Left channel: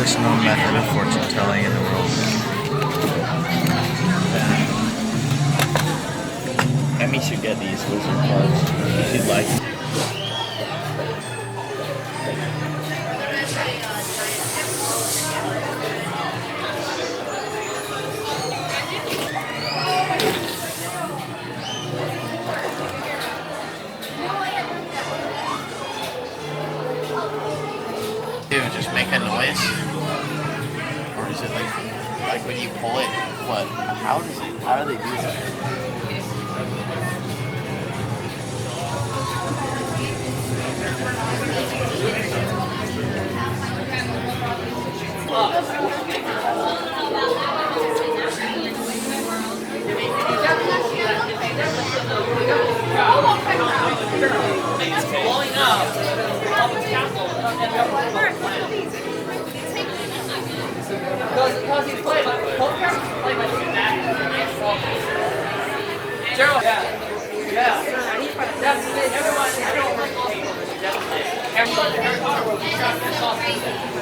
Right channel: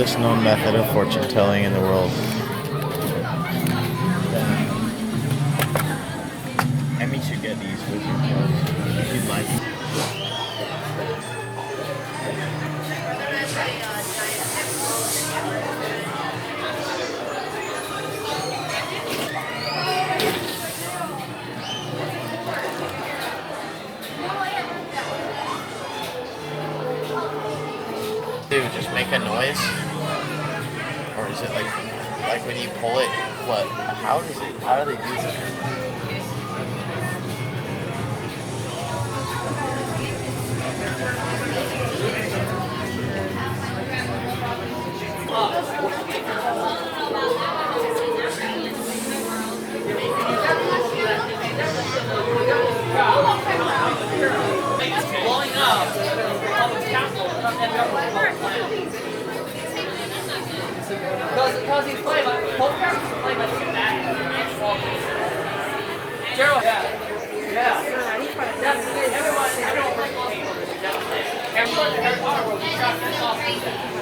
oldest known method of fortune telling in the world. Emmy should get these wizard cards. She'd like them. Dude, just make a noise, or is it like when you pull it? What? How do they do that? Because he's playing like Gerald, yeah. Everyone.